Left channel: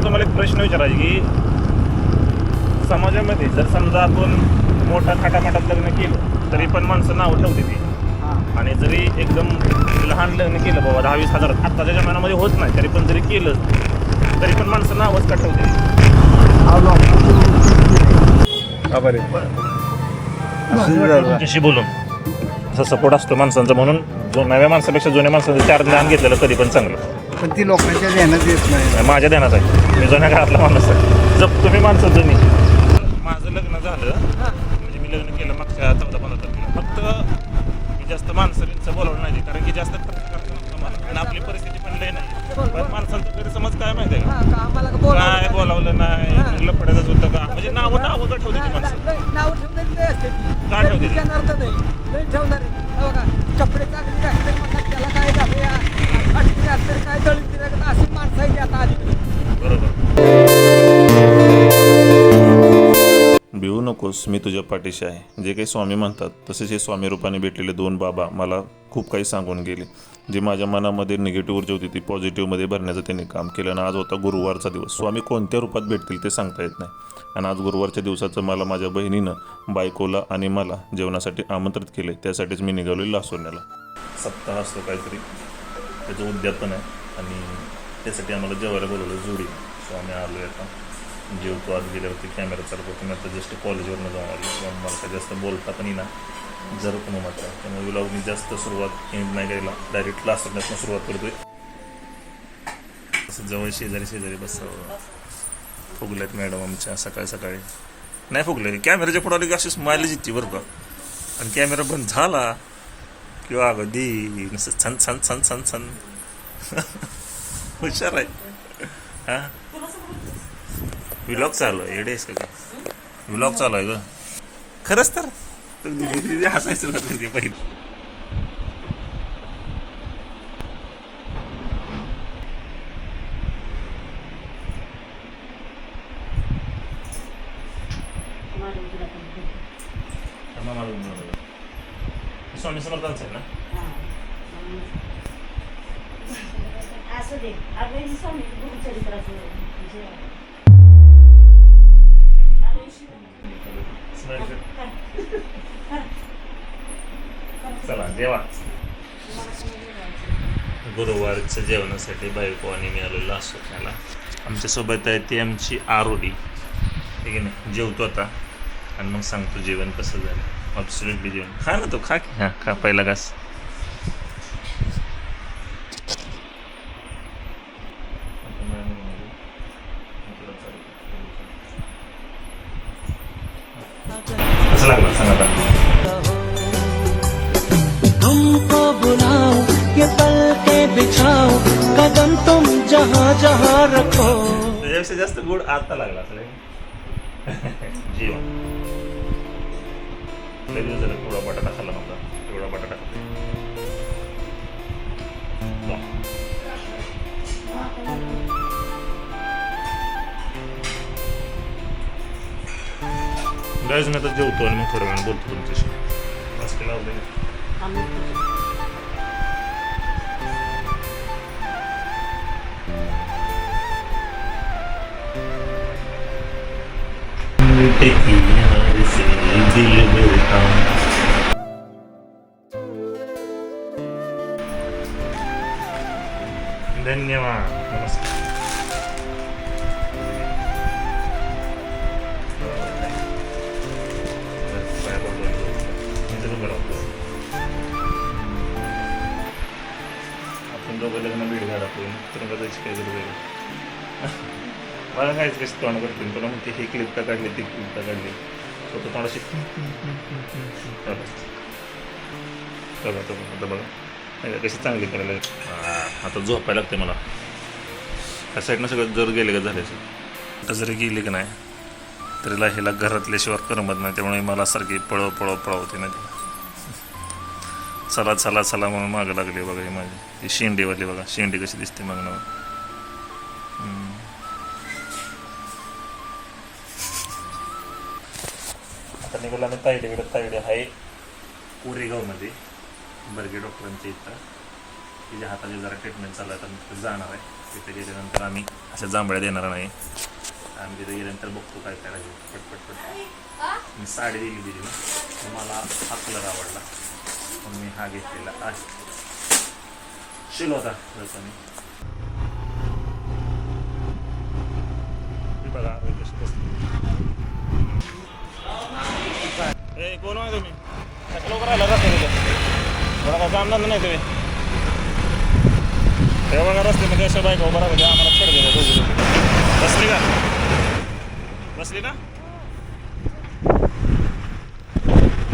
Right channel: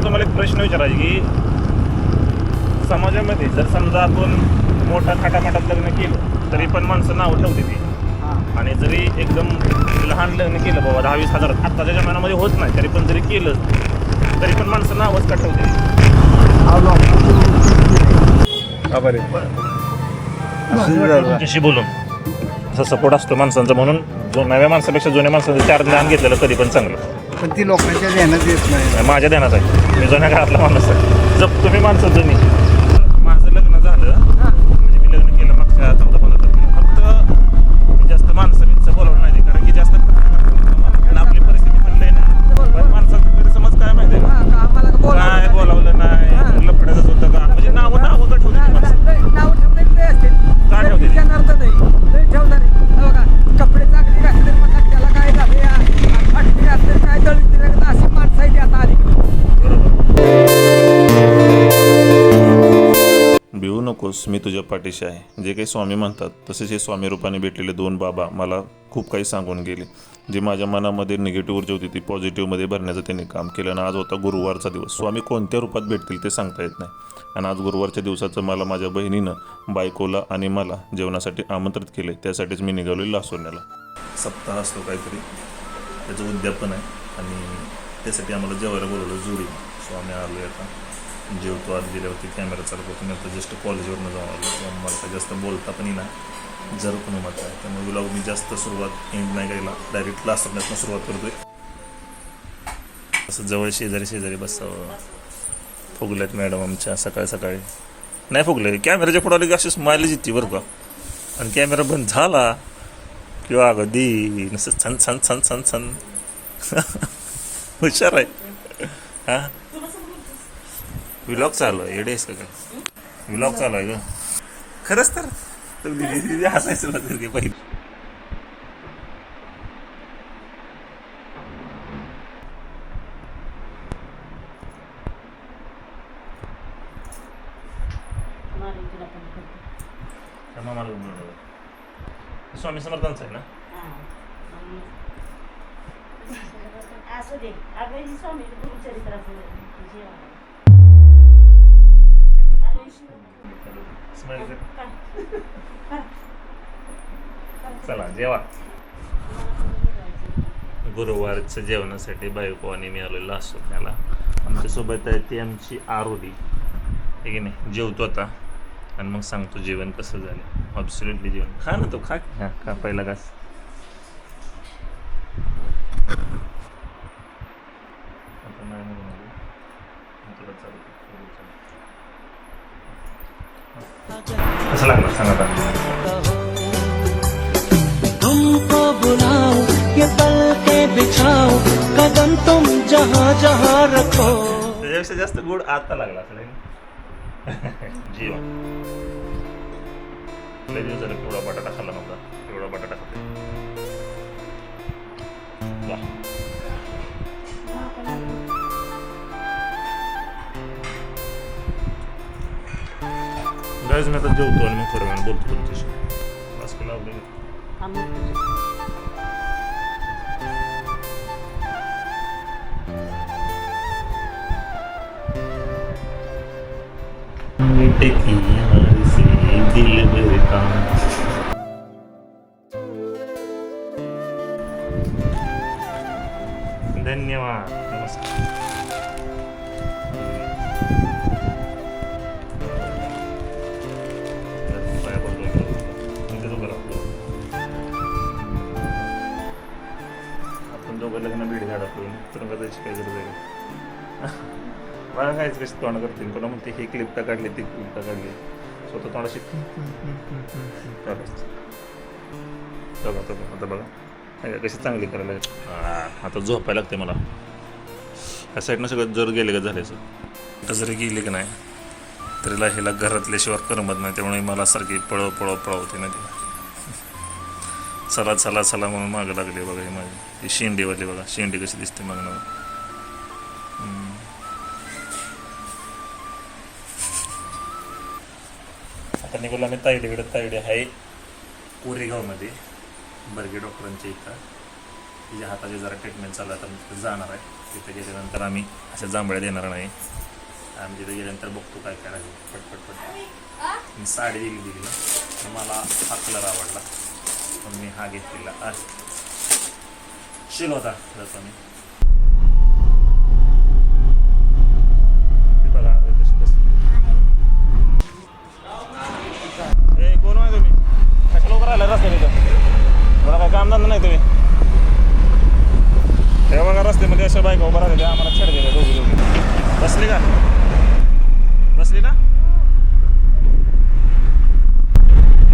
मला तुम्हाला एक प्रश्न विचारायचे की समाजामध्ये जर समजा आपण मोठ्या थाटामाटात लग्न केलं तरी पण माणसं नावं ठेवते ती, आणि जरी एकदम लहान लग्न केलं बाबा 10-20 हजार आत्ताच्या जमान्यामध्ये होत नाही, तरी पण जरी केलं तरी पण माणसं नावच का ठेवते. तुमच्याशी बोलून असा सपोर्ट असतो माणसांचा, म्हणून नव्या माणसापेक्षा जुन्या माणसांचं 4 ध्यान घेतलेलं कधी पण चांगलं. पण ती लोकांच्या ध्यानात येत नाही. माझ्या ध्यानात आहे, मी जुन्या काळातला माणूस आहे. जर तुम्ही माणसं जुनी, माझं लग्न झालं म्हणजे मी लग्न केलं मागच्या 14-15 तारखेला. फक्त मी जास्त माणसं बोलावलं नाही, कारण की जास्त आणि आपली परिस्थिती पण लय नाही. पण माणसांचा गैरसमज काय माहिती आहे का, काय बोलावलं नाही, लफड्याचंच होतं का, म्हणजे नावं का ठेवते ती माणसं, का ठेवते ती? कपडे चांगले घातले म्हणतात त्याला काय झालं या अटकी घातले काय दळून अशी माणसं आहे आता अलीकडे. बरोबर. भिवू नकोस, मी तुझ्या पाठीशी आहे. जे काही स्वामी म्हणतात तसेच हे स्वामी रूपाने भेटलेले 2 बाबा मला खूप काही सांगून गेले. जे माझ्या मनामध्ये निगेटिव्ह ऊर्जा होती ती पॉझिटिव्हमध्ये भरण्याचं त्यांनी काम केलं. आणि आज होता गुरुवारचा दिवस. स्वामी कोणत्या रूपात भेटतील ते सांगता येत नाही. आणि आज गुरुवारच्या दिवसाचं मला माझ्या बहिणीनं बायकोला आणि मला जेवणासाठी आमंत्रित केले. त्यासाठीच मी निघालो लासोरण्याला. सप्ताह असतो काहीतरी, त्याचं उद्यापन आहे आणि त्यासाठी आम्हाला जेवायला बोलवलं जुरी. स्वामी आलो आहे आता, जेवतो. आत गेल्यावरती कॅमेरा चालू करतो. मी आता जस्ट कॉलेजवरनं जाऊन आलो. मला काय जास्त बोलता पण येईना, जर पण मत आहे. त्यामुळे व्लॉग मी जास्त सुरुवात एंड नाही करायला, डायरेक्ट लासोरण्यातनं सुरुवात करतोय. असं जवळ शेजारी बसावं. फुगल्यात मॅडम आमच्या सकाळी सकाळी. नाही फुगले, कॅमेऱ्याच्या पुढे आले की अशी स्माइलच येते बरं का. आणि कॅमेरा बंद झाला किंवा अगदी नुसतं छान छान छान छान छान हुशार आहे. हा व्लॉग चालू आहे. एडेस का काय व्लॉग चालू आहे का खरंच तर हसायचं ते पहिले. स्वामी समर्थांचं आहे ना. चला जेवा. गुरुवारच्या जेवणासाठी बायको आणि मी आलेलो असतो त्याला. आमच्यासोबत आहे ती आमची आरोडी, ठीक आहे ना. जेवतो आता आणि मग सांगतो जेवण कसं झालं. ॲब्सोल्युटली जेवण खा ना, तो खा की. हां खा, पहिला घास. कसं लागलं सांग आता. तुमको बुलाओ ये पल के बिछाओ कदम तुम जहाँ जहाँ रखो. त्याच्यापेक्षा जास्त गोड आता लागला असं जेवण. लय दिवस झाले एवढा बटाटा खाल्ला नव्हता. एवढा बटाटा खाल्ला. गाईज मी आता जेवतो आणि मग थोड्या वेळाने बोलतो तुमच्याशी. मास्क लावले धन्यवाद. नमस्कार. आपण दोघं लग्न भेट घाला तुरंगा जायची काय गरज आहे. मला काय कशी तोंड करतील तुला, मग ही क्लिप का काढली ती क्लिप का काढली, स्वतः तोंडाशी आता बघा कशी चांगली करायला. आता झोपायला लागते मला. त्या साईडनं सगळं जर गेले का झाल्याचं. आता जरी गेले की नाही तरीला ह्याला घरातल्याशिवाय करमत नाही. त्यामुळे मला सारखी पळव होते ना ती. चला चला चला म्हणून मागं लागली बघा. ही माझी ही शेंडीवाली बघा, शेंडी कशी दिसते मागणं. आता निघालो आम्ही तायडीकडे. तायडे आहे कोरेगावमध्ये बर्गे डॉक्टरांच्या इथं. तिच्या हाताची जरा ट्रीटमेंट चालू आहे, तर जाणार आहे. तिथे गेल्यानंतर आम्ही अशा जांभळ्या देणार नाही. आम्ही तिथे गेल्यानंतर बघतो काय करायचं. पटपट मी साडी दिली ना, तर मला हा कलर आवडला पण मी हा घेतलेला आहे. शिल होता जसा मी बघा कशी बसली. ए कोण आहे तुम्ही? लवकर आला रस्ते तिथं मला काय काम धंदा नाही तुम्ही. हे बघा रस्त्यामध्ये अशा बायका उभा राहिल्या आम्हाला छेड दिला दोघी. बसली का? बसली ना?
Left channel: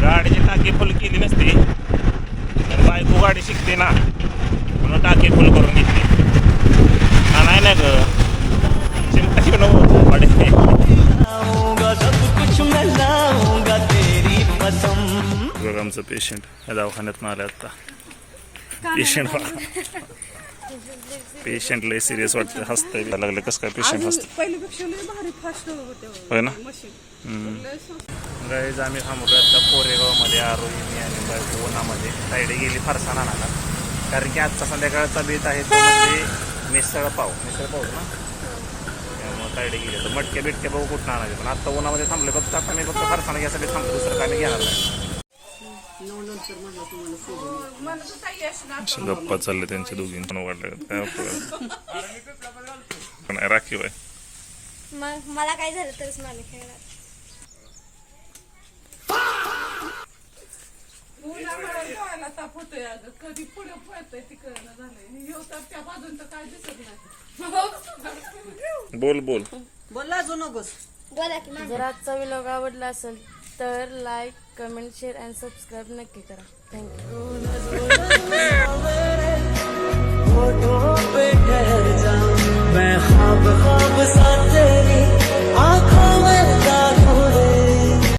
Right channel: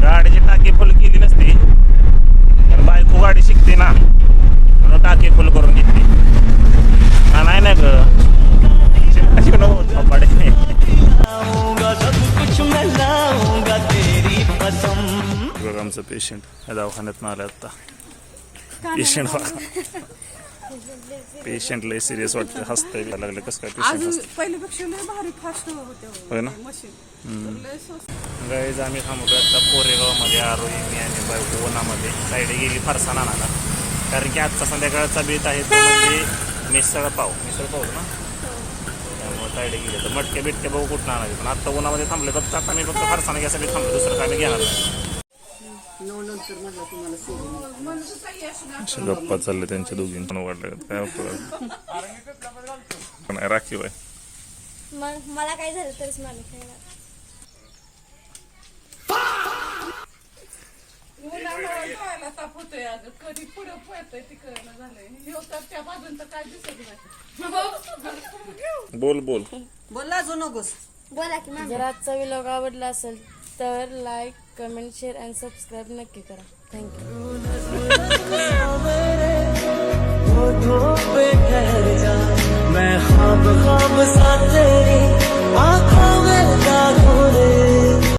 गाडीची टाकी फुल केली नसती तर बायको गाडी शिकते ना, म्हणून टाकी फुल करून घेतली. हा नाही ना ग चिमटा शिकणं गाडी. बघा आमचं पेशंट दवाखान्यात आलं आता. पेशंट पेशंट लय सिरियस वाटतं, हसतंय लागले. कसं काय पेशंट हसतं पहिल्यापेक्षा लय भारी फास्ट होते होय ना. मशीन. गाईज आम्ही थांबलो आता कोरेगावमध्ये. आरोही मी आणि बायको उन्हामध्ये साईड गेली फरसाण आणायला, कारण की आजचा संध्याकाळचा बेत आहे तो म्हणजे मिसळ पाव ना, त्यामुळे साईड गेले. तर मटक्या बिटक्या बघू कुठं आणायचे, पण आता उन्हामध्ये थांबले फक्त. आता मी फक्त फरसाण घ्यायसाठी थांबलो, दुसरं काय मी घेणार नाही. गप्पा चालले त्यांच्या दोघी पण वाटलं काय नाही. राखीव आहे मग मला काय झालं तरच मला खेळणार. बोल बोल बोला की मॅम. जर आजचा व्लॉग आवडला असेल तर लाईक, कमेंट, शेअर आणि सबस्क्राईब नक्की करा. थँक्यू. होठों पे ठहर जा, मैं ख्वाब ख्वाब सा तेरे